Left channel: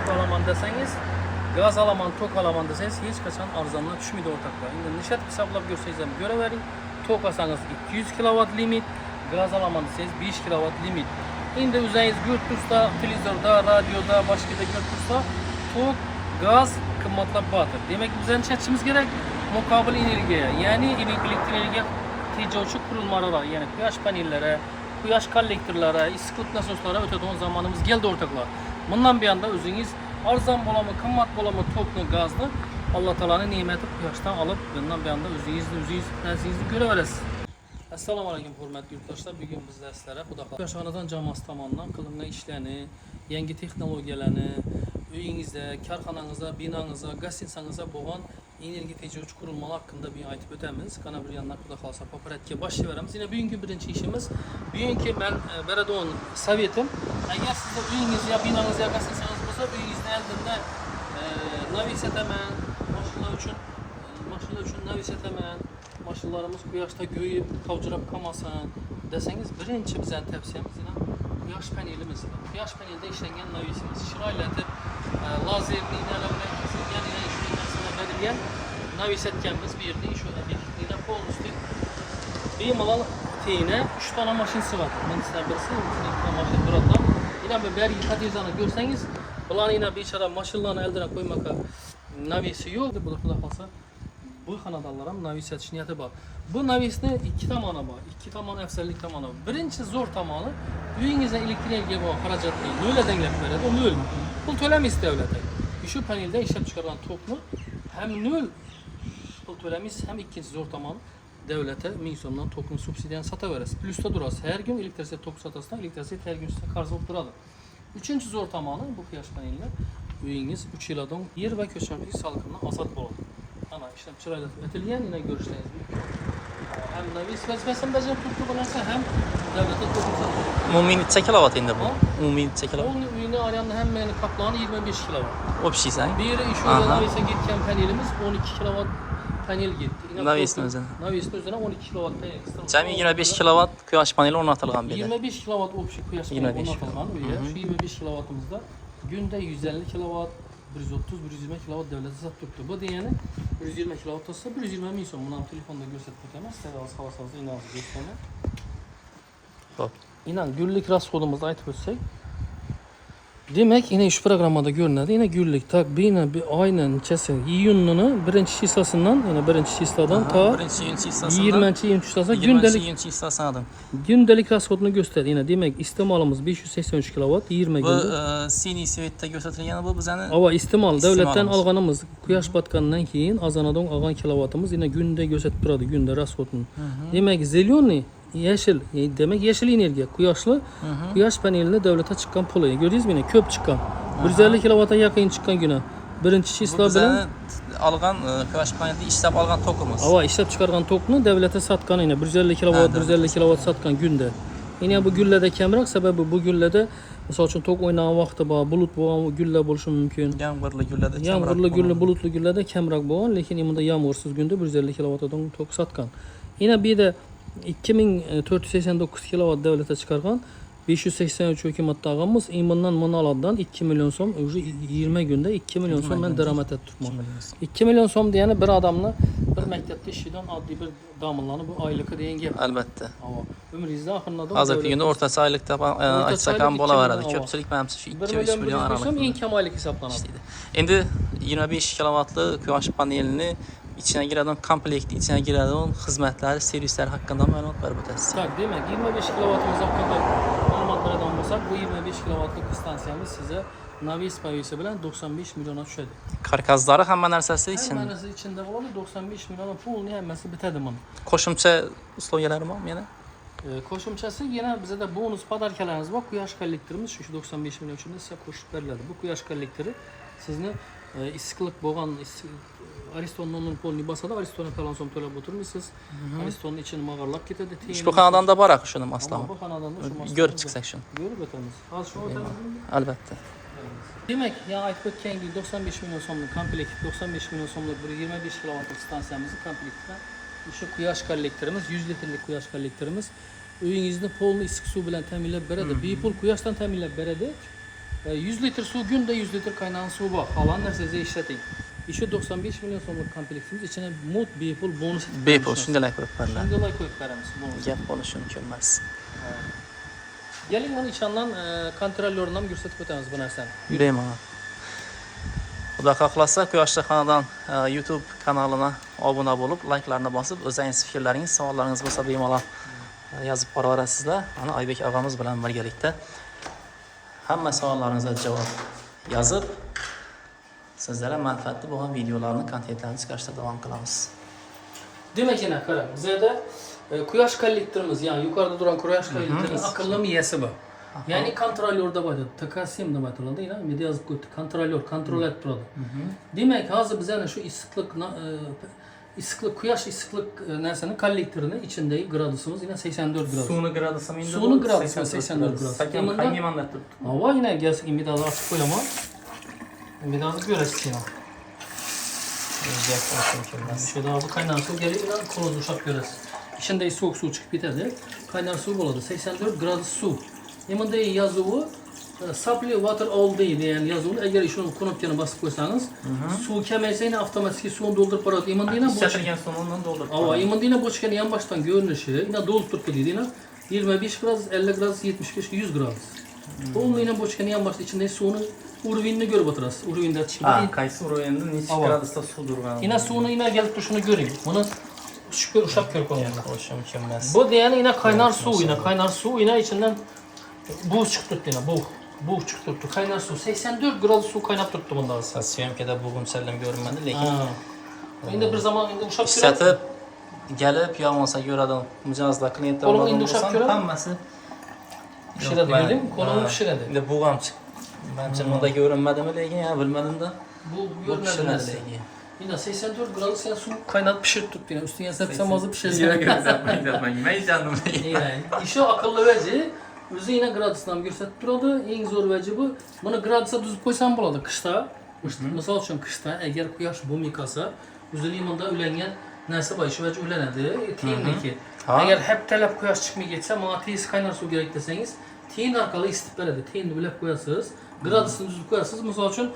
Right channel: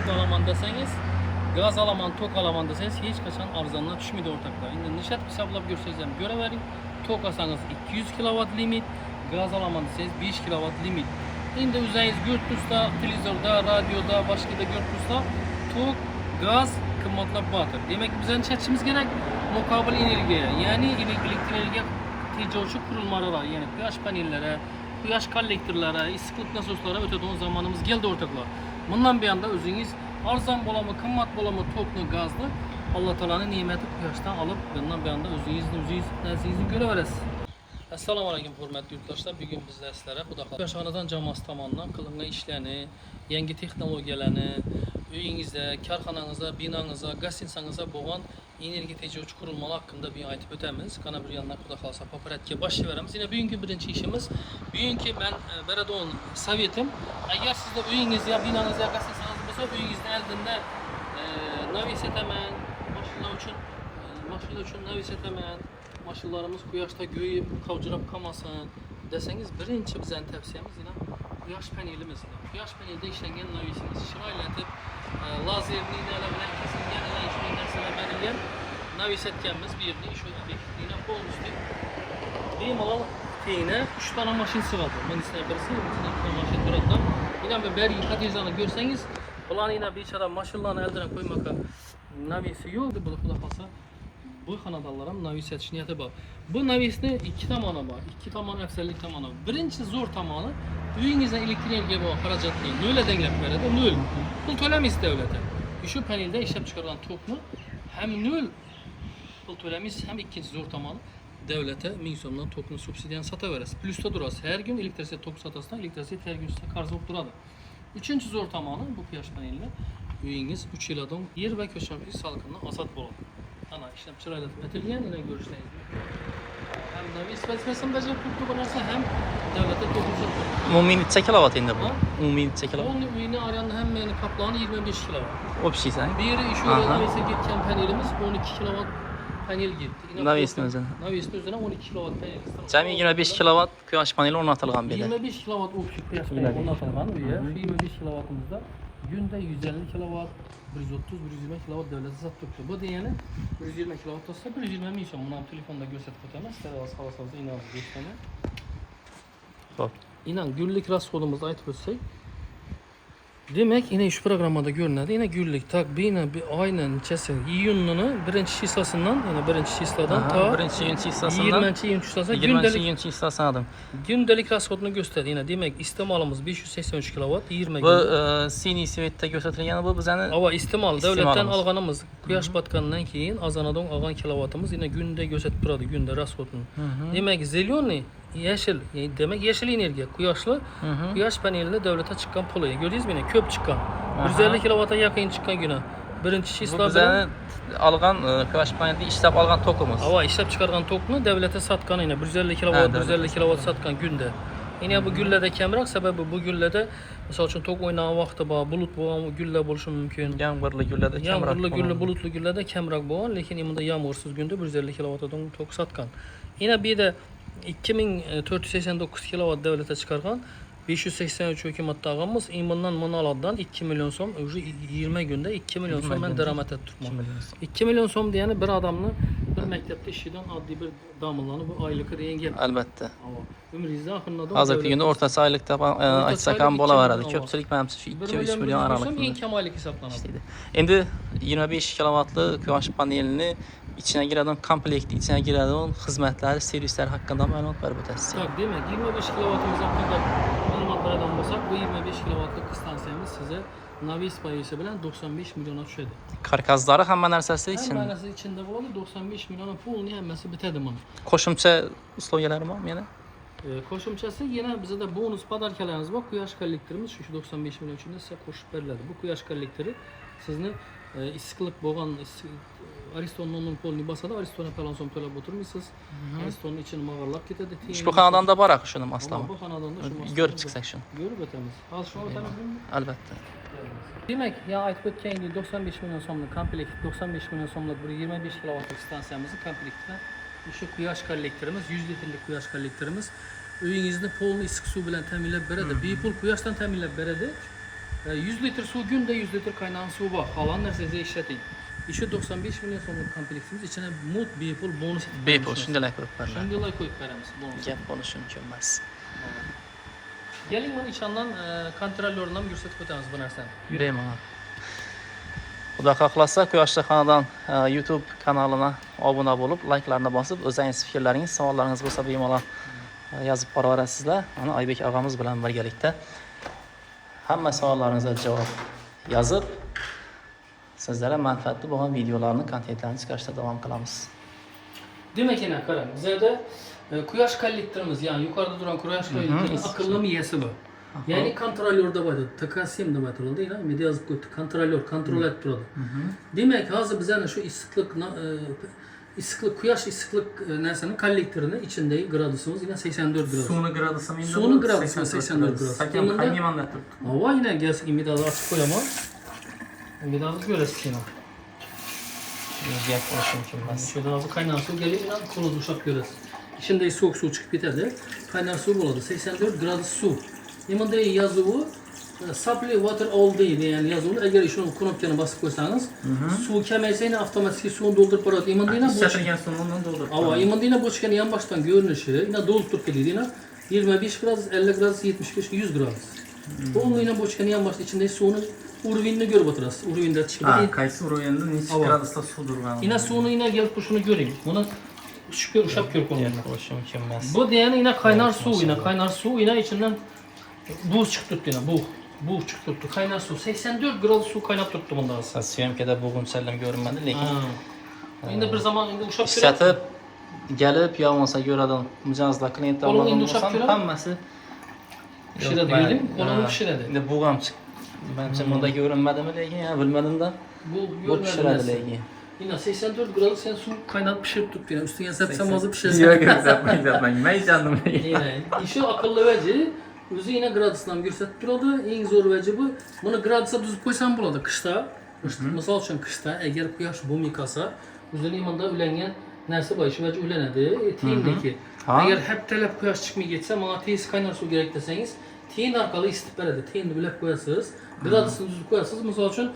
tok alaman deseniz, gaz alaman, tok alaman deseniz hiç kaçan arzandan düşmedi ortaklar. Şimdi nişat hesaplap görseniz göre verin. Tok alsanız 200 kW limit, gaz alaman deseniz 5 kW limit. Şimdi üzeriniz görtürsa, televizorda, radyoda, başka da görtürsa tok, gaz kımmatlap batır. Demek ki bizden çetçimiz gerek mukabil energiye, yani elektrik enerjiye tecavüzü kurulmalara, yani kuyaş panellere, kuyaş kollektörlere, iskut nasoslara öteden zamanımız geldi ortaklar. Bundan bir anda özünüz arzan bolamı, kımmat bolamı, toklu, gazlı Allah Teala'nın nimeti kuyaştan alıp bundan bir anda özünüz nəzinizi göreverəsiniz. Assalamu alaikum hürmetli yurttaşlar. Bugün bizler sizlere Kuyaşxanadan Camas tamandan kılınma işlerini, yeni teknolojilerini, uyinizde, karxananıza, binanıza, gaz insanınıza boğan enerji tecavüz kurulmalı hakkında bir aytıp ötemiz. Kana bir yandan kuda kalsa paparatke başlayıveramiz. Yine bugünkü birinci işimiz, bugünkü ben verediğim savetim, eğer sizde uyiniz ya binanız ya gaz insanınız olsa uyinizde eldinde navi setemen, maşınlar için navi setemen, maşınlarımız kuyaşta göyüp, kavcırap kamasın deseniz birinci bizden tavsiyemiz yine kuyaş panelimiz. Kuyaş panelde işlengen navisimiz. Şirayla etip lazerli ilerlemeden kesilgen şunun aslında belirleyen navis etkenimiz bir yerde şu efektifliğine koymuştuk. Benim olan teyine 3 tane maşin sıvadı. Manisler birisi, 3 tane maşin burada. Yine bir bergi katizanı görseniz ulan yine bir çara maşınlarını eldine koymaka navisi yok. Bu da kalsa bu kanadaların navis etiş niyeti var. Bu navisinde iki tamana var. İki taman efsellik tamanı var. Birinci zor tamanı uyinizde elektriğe gibi o haracatlı nöle denglep veredi. Nöl. Pul tölemiş devlete. Şu panelde işlep çıkarılan toplu hem nöl pul tölemiş hem ikinci zor tamanı devlete misyondan toplu subsidiyen sata veririz. Plus'ta durası. Her gün elektrisite top satasından elektrisite her gün size karşı olup duradı. Üçüncü zor tamanı bu kuyaş paneliyle uyiniz 3 yıldan yer ve köşemki salkımdan asat boldu. Ana işlem çırayla etilgen yine görüşleyiz. Hem navis vazifesini becerip tuttu bularsa hem devlete toplumsal tuttu. Umumi neçə kilowatt indi bu? Umumi neçə kilowatt? Onun ümini arayan hem yani kaplanı 25 kW. O bir şey sən? Biri şu navise gitken panelimiz 12 kW panel gitti. Navisin özünə. Navisin özüne 12 kW panel. Cəmi 25 kilowatt kuyaş paneli ornatılğan belə. 25 kW opsi kuyaş paneli ornatılğan. Şu 25 kW'ımızda günde 150 kW 130-120 kW devlete sattıktı. Bu diyeni 120 kW olsa 120 milyon. Bunun telefonda gösterip ötemez. Servas havasınızda inanız göstermek. Hop. İnan günlük raskodumuzu ayıp ötsek. Demek yine şu programda görünüyordu. Yine günlük takbinen bir aynen çesin. İyunlu'nun birinci şisasından yani birinci şisadan ta birinci hissasından 20. şisasına gündelik raskodunu gösterdi. Yine demek istemalımız 583 kW 20 gün. Bu sini sivitdə göstərilən bu bizəni Ama istimal devletten alğanımız kuyaş batkanından keyin azanadan alğan kilovatımız yine günde gösterip duradı günde raskodunu. Demek zelyonlu yeşil demek yeşil enerji kuyaşlı kuyaş panelinde devlete çıkan pulu gördünüz mü? Köp çıkan 150 kW'a yakın çıkan güne birinci şişler bu bizəni alğan kuyaş paneli işləb alğan tokumuz. Ama işlep çıkargan tokunu devlete satkan yine 150 kW 150 kW satkan günde. Yine bu güllede kemrak sebebi bu güllede mesela için tok oynanan vaxtı var bulut bu gülle buluşu mümkün. Yağmurlu güllədə kemrak. Yağmurlu gülle bulutlu güllede kemrak bu lakin imunda yağmursuz günde 150 kW'dan tok satkan. Yine bir de 2489 kW devlete çıkargan 583 hükümet dağımız imandan manalardan 2 milyon som 20 günde 2 milyon som ben deramet ettim. 2 milyon som diyene bir adamla bir mektepte işçiden adli bir damılanı bu aylıkı diyen gel. Əlbəttə. Ömrünüzdə axırında Hazırki gündə ortası aylıqda açsakan bola var idi. Köpçülük mənimcə şu 2-3 milyon aralıqında. En kemalik hesaplanır. İndi 25 kW kuyaş panelini içine girən komplektin içine girən xidmətləri, servislər haqqında məlumat var bu təsir. Tak değil mi? 25 kW'ımız hakkında məlumatlardan olsak bu 25 kW'lık istansiyamız size navis payısı bilen 95 milyona düşedi. Karkazları həmən ərsəsi Hem için. manası içinde var 95 milyonun pulunu həmməsi bitədi bunu. Koşumça slogeləri var mı yəni? Koşumçası yine bize de bonus padarkalarınız var. Kuyaş kollektorimiz şu 95 milyon içinde size koşup verildi. Bu kuyaş kollektoru sizni issiqlik boğan Ariston'un onun polunu basada Ariston'a palansom tölep oturmuşsunuz. Ariston'un içini mağarlak getirdi. Bu kanadan da var axışının aslında. Ama bu kanadan da şu masada. Görüp çıxsaq şunu. Görüp ötemiz. Az şunu ötemiz mi? Əlbəttə. Demek ya ayıp ötken 95 milyon somluk komplekt 95 milyon somluk bir 25 kW'lık istansiyamızı komplektten şu kuyaş kollektorimiz 100 litrelik kuyaş kollektorimiz öyünüzde polunu ısık su bilen teminlep beredi. Bir pul kuyaştan teminlep beredi. 100 litr su günde 100 litr kaynayan su var. Kalan size işletin. İşi 95 milyon so'mlik kompleksimiz içine mod bepul bonus. Bepul shunday ko'rib beradi. Shunday ko'yib beramiz bonus. Gap bo'lishi mumkin emas. Keling mana içinden kontrollöründen gösterib o'tamiz bu narsani. Bemalol. Xudo xohlasa Quyoshli xonadon YouTube kanalına obuna bo'lib, like'larni bosib, o'zingiz fikrlaringiz, savollaringiz bo'lsa bemalol yozib boraverasizlar. Mana Oybek og'amiz bilan birgalikda hamma savollaringizga javob yozib, sizlarga manfaatli bo'lgan videolarni, kontentlarni chiqarishda davom qilamiz. Demak, yana qarang, bizda quyosh kollektorimiz, ya'ni yuqorida turgan quyosh kollektorining aqlli miyasi bor. Ya'ni kontrollyorda bor. TK7 deb aytiladi, yana media yozib qo'ydi. Kontrollyor kontrol etib turadi. Demak, hozir bizani shu issiqlik quyosh issiqlik narsaning kollektorini ichindagi gradusimiz yana 84 gradus. Suvni gradusi menda. Suvni gradusi 84 gradus. Sakin qaynamanda turibdi. Havo yana gazga medazni ochib qo'yaman. Medazni ko'rasiz yana. Gap bo'lishi mumkin emas. Shunda hozir qaynar suv kelib, bilan qo'lni ushlab ko'rasiz. İçindeki soğuk suv chiqib ketadi. Qaynar suv bo'ladi. 84 gradus suv. Bunda yozuvi supply water all deydi. Ya'ni yozuvni agar shuni knopkani bosib qo'ysangiz, suv kamaysa yana avtomatik suvni to'ldirib boradi. Bunda yana Satilgan suvni to'ldirib. Ava, bunda yana bochkani yonboshdan ko'rinishi, yana to'ldirib ketadi. Yana 25 gradus, 50 gradus, 75 100 gradus. Bu yana bochkani yonboshda ichindagi suvni urvinni ko'rib o'tirasiz. Urvinda chiqadi. Qaysi urvinda necha gradusda suv turgan? Yana suvni yana kelib turishini ko'ring. Buni tushib ushlab ko'rib qo'ying. Bo'lishi mumkin emas. Bu degani yana qaynar suv yana ichidan buz chiqib turibdi yana bug' chiqib turibdi. Qaynar suv 84 gradus suv qaynab turibdi bunda. Syomkada bug'unchalar ko'rinmadi, lekin endi bir zaman endi ushlab islatib kelib yog'masa ko'radi. Mijozlar klientlar Qo'lim endi bo'lsa ushlab ko'radi. hammasi pishiradi, ko'rdingmi? Qo'lim pishiradi. Endi bug' ham chiqdi. Menimcha bunda ko'rinmadimi lekin, bilmadim-da. Bu pishiradi lekin. Yine 84 gradus yani su kaynat pişirip tuttu yani üstüne sepsem azı pişirsin. Yok yapmayın. Meycandım. Yani işi akıllı veci özü yine gradusdan gösterip durdu. En zor veci bu. Bunu gradusa düzüp koysan buladı kışta. Misal için kışta eğer kuyaş bum yıkasa özü limanda ülengen nerse başı veci ülenedi. Tiyindeki. Eğer hep talep kuyaş çıkmaya geçse bana tiyisi kaynar su gerek deseniz tiyin arkalı istip veredi. Tiyini bilip koyarsınız. Gradusunu düzüp koyarsınız. Misal için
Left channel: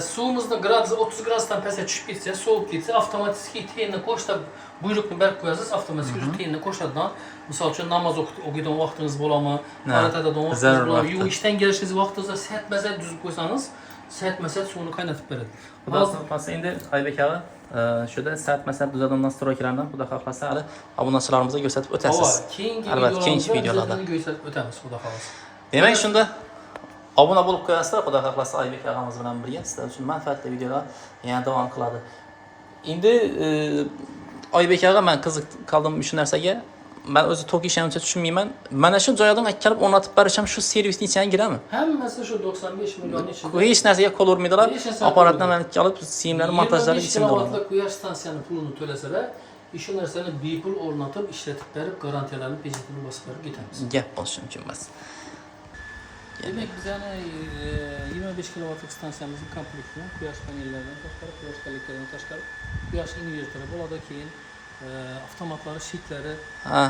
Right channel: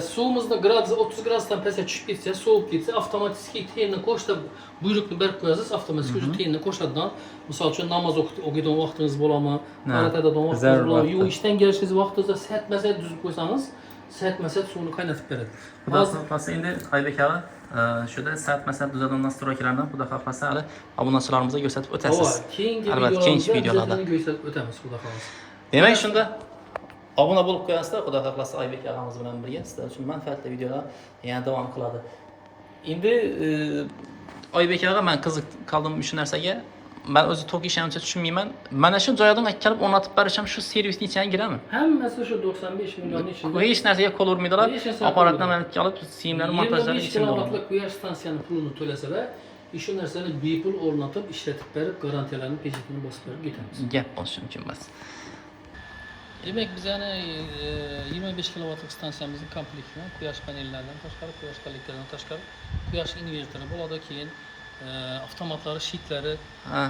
suyumuzda gradus 30 gradusdan pese düşüp gitse, soğuk gitse avtomatik teyinle koşta buyruklu berk koyarsınız, avtomatik özü teyinle koştadan misal için namaz o giden vaktiniz bulamı, aratada don vaktiniz bulamı, yu işten gelişiniz vaktınızda set mesel düzüp koysanız, set mesel suyunu kaynatıp verir. Xudo xohlasa endi Oybek aka shuda saat masal tuzilgan nastroylardan xudo xohlasa hali obunachilarimizga ko'rsatib o'tasiz. Albatta keyingi videolarda gösterip ötemiz xudo xohlasa. Demak shunda obuna bo'lib qo'yasizlar, xudo xohlasa Oybek akamiz bilan birga sizlar uchun manfaatli videolar yana davom qiladi. Endi Oybek aka men qiziq qoldim shu narsaga. Ben o'zi tok ishimcha tushunmayman. Mana shu joydan kelib o'rnatib berishim shu servisning ichiga giradimi? Hammasi shu 95 million ichida. Hech narsaga qo'l urmaydilar. Apparatdan men olib siyimlarni montajlari ichida oladi. 25 quyosh stansiyani pulini to'lasalar, shu narsani bepul o'rnatib, ishlatib berib, garantiyalarni pejitini bosib berib ketamiz. Gap bo'lishi mumkin emas. Demek biz yani 25 kilowattlık stansiyamızın komplektini quyosh panellaridan tashqari, quyosh kollektoridan tashqari, quyosh invertori bo'ladi, keyin avtomatlari, shitlari,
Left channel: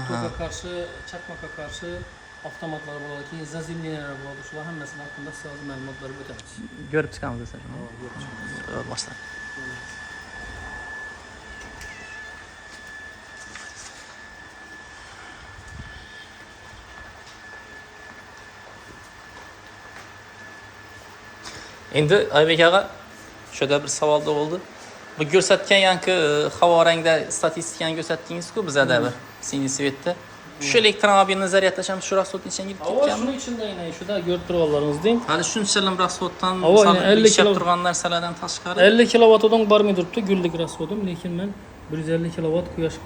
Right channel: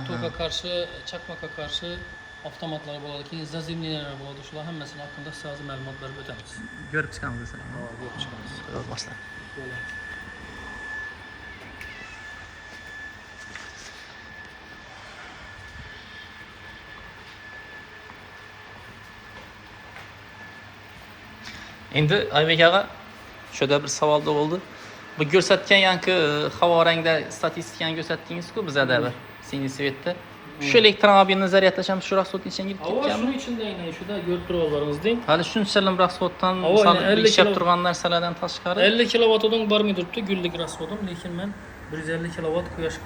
toka qarshi, chaqmoqqa qarshi avtomatlari bo'ladi, keyin zazemliyalar bo'ladi. Shular hammasini haqida sizga ma'lumot berib o'tamiz. Ko'rib chiqamiz desam. Ko'rib chiqamiz. Boshla. Endi Oybek aka shuda bir savol bo'ldi. Bu ko'rsatgan yangi havo rangda statistikani ko'rsatdingiz-ku bizada bir single svetda. Shu elektromobilni zaryadlasham shu rasxodning ichiga kirib ketganmi? ketganmi? Shuni ichida aynan shuda ko'rib turganlaringiz deng. Hali shunchalar rasxoddan ishab turgan narsalardan tashqari 50 kilovatdan bormay turibdi gullik rasxodim, lekin men 150 kilovat quyosh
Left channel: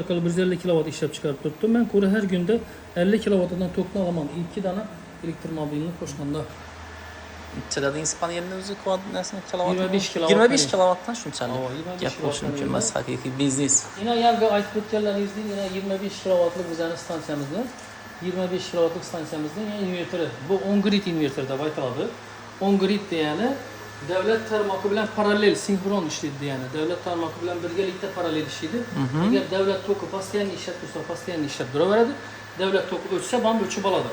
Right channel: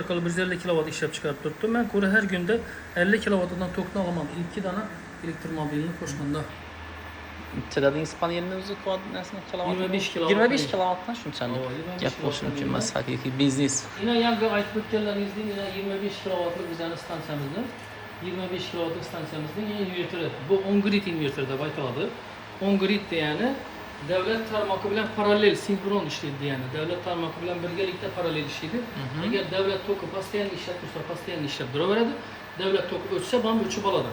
orqali 150 kilovat ishlab chiqarib turibdim. Men ko'ra har kunda 50 kilovatdan tokni olaman. 2 dana elektromobilni qo'shganda. Ichidagi panelning o'zi nasini kilovat? 25 kilovatdan shunchalik. Gap bo'lishi mumkin emas, haqiqiy biznes. Yine yangi aytib o'tganlaringizdek, yana 25 kilovatlik bizning stansiyamizni, 25 kilovatlik stansiyamizning invertori. Bu on-grid invertor deb aytiladi. On-grid degani davlat tarmog'i bilan parallel, sinxron ishlaydi degani. Davlat tarmog'i bilan birgalikda parallel ishlaydi. Agar davlat toki postoyanno ishlab tursa, postoyanno ishlab turaveradi. Davlat toki o'chsa, ham o'chib oladi.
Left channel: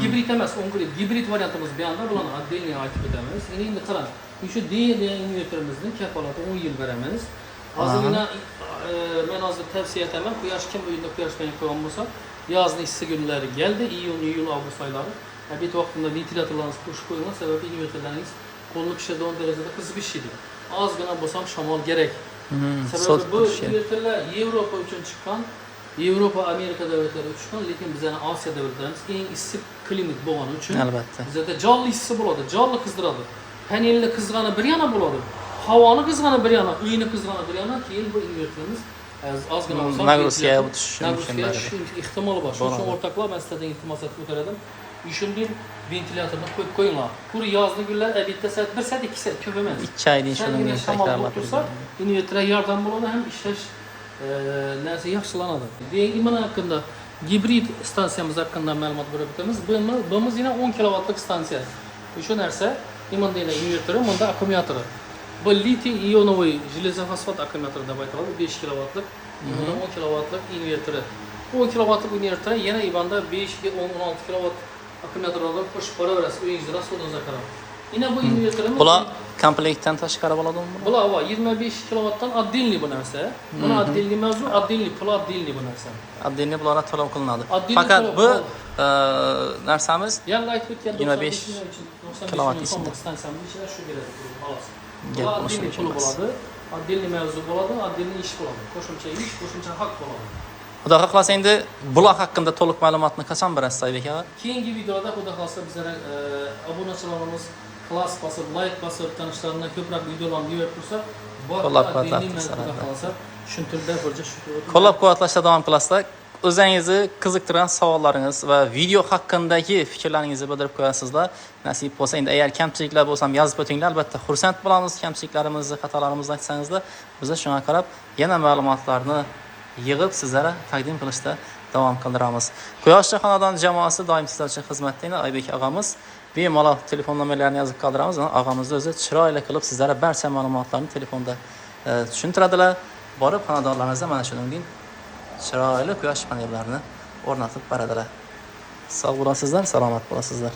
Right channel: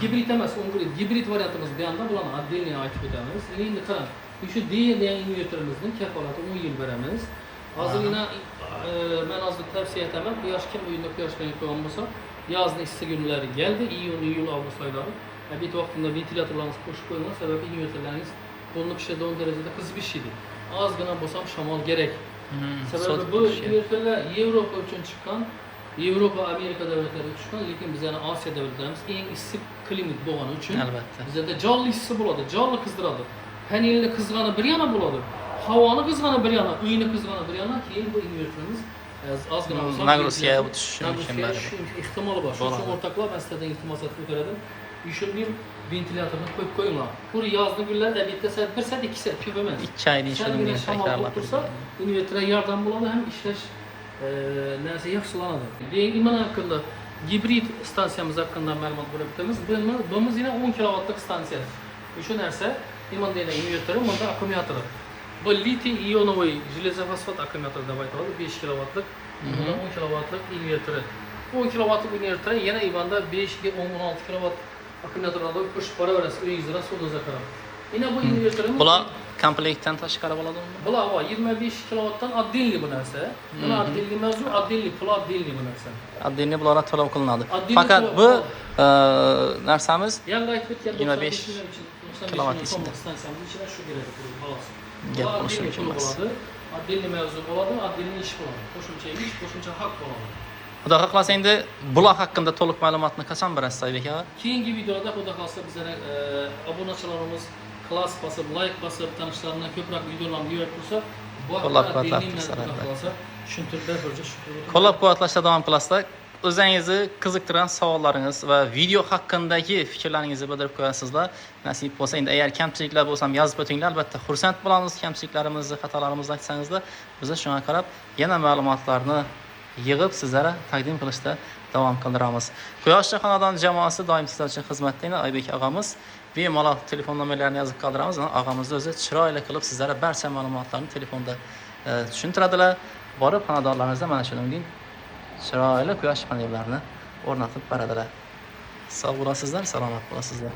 Gibrid emas, gibrid variantimiz bu yanda bularni отдельно aytib o'tamiz. Endi qarang, shu D degan invertorimizning kafolati 10 yil beramiz. Hozirgina men hozir tavsiya etaman, quyosh kim uyida quyosh panel qo'ygan bo'lsa, yozning issiq kunlari keldi, iyul, avgust oylari. Bitta vaqtida ventilyatorlarni qo'shib qo'ygan, sababi invertorlaringiz qo'lni pishirdi 10 darajada qizib ishlaydi. Ozgina bo'lsa ham shamol kerak. Sababi bu invertorlar Yevropa uchun chiqqan, Yevropa, Amerika davlatlari uchun chiqqan, lekin bizning Osiyo davlatlarimiz eng issiq klimat bo'lgani uchun albatta. Bizda jonli issiq bo'ladi, jonli qizdiradi. Panelni qizg'ani bir yana bo'ladi. Havoni qizg'ani bir yana, uyni qizg'ani bir yana, keyin bu invertorimiz ozgina bo'lsa nagruziga o'tishi mumkin shu ehtimoli bor. Shuning uchun o'rtoqlar men sizlardan iltimos etib o'tiradim. Ishundim, ventilyatorni qo'yib qo'yinglar. Kur yozning kunlarida bitta soat, 1 soat, 2 soat ko'p emas. 2 oydan shunday takrorlab tursa, invertorga yordam bo'ladi, ham ishlash narsa yaxshilanadi. Keyingi mana haqida gibrid stansiyamiz haqida ma'lumot berib o'tamiz. Bu yana 10 kilovatlik stansiya. Shu narsa imanda invertori, bunda akkumulyatori. Bu litiy ionoviy железофосфат akkumulyator deb aytadi, 5 kilovatlik, 10 kilovatlik invertori. 10 kilovatlik invertori yana imanda 5 ga 16 kilovat akkumulyatorlarga qo'shib boraverasiz, uyingizda suvda qarab. Yana bu invertorimiz bular komplektdan tashqari bo'ladimi? Bular 25 kilovatdan отдельный bu narsa. Buni отдельный mavzu, отдельный pul, отдельный bu narsa. Отдельный bularga to'lov qilinadi. Faqat bu narsamiz yangi aytib o'tgan 25 kilovat ichida. Stansiyamiz ichida shu beradi, xolos. Gap bo'lishi emas. Отдельный mavzu bo'ladi, отдельный ish bo'ladi. Qo'shimcha ish, qo'shimcha haq bo'ladi. Xudo xohlasa endi bular haqida to'liq ma'lumotni qachon berasiz Aybek aka? Keyingi videoda xudo xohlasa bizlar obunachilarimiz klass bosib, like bosib, tanishlaridan ko'proq videolarni yuborib tursa, qo'llab-quvvatlashda davom qilasizlar. O'zingizni qiziqtirgan savollaringiz va video haqidagi fikrlaringizni bildirib qo'yasizlar. Nasib bo'lsa, endi agar kamchiliklar bo'lsa ham yozib o'tinglar, albatta xursand bo'lamiz. Kamchiliklarimizni, xatolarimizni aytsangizlar, biz shunga qarab yana ma'lumotlarni yig'ib sizlarga taqdim qilishda davom qildiramiz. Quyoshli xonadon jamoasi doim sizlar uchun xizmatda. Aybek og'amiz bemalol telefon nomerlarini yozib qoldiramiz. Og'amizni o'zi chiroyli qilib sizlarga barcha ma'lumotlarni telefonda tushuntiradilar. Borib xonadonlaringizda mana shuningdek chiroyli quyosh panellarini o'rnatib beradilar. Sog' bo'lasizlar, salomat bo'lasizlar.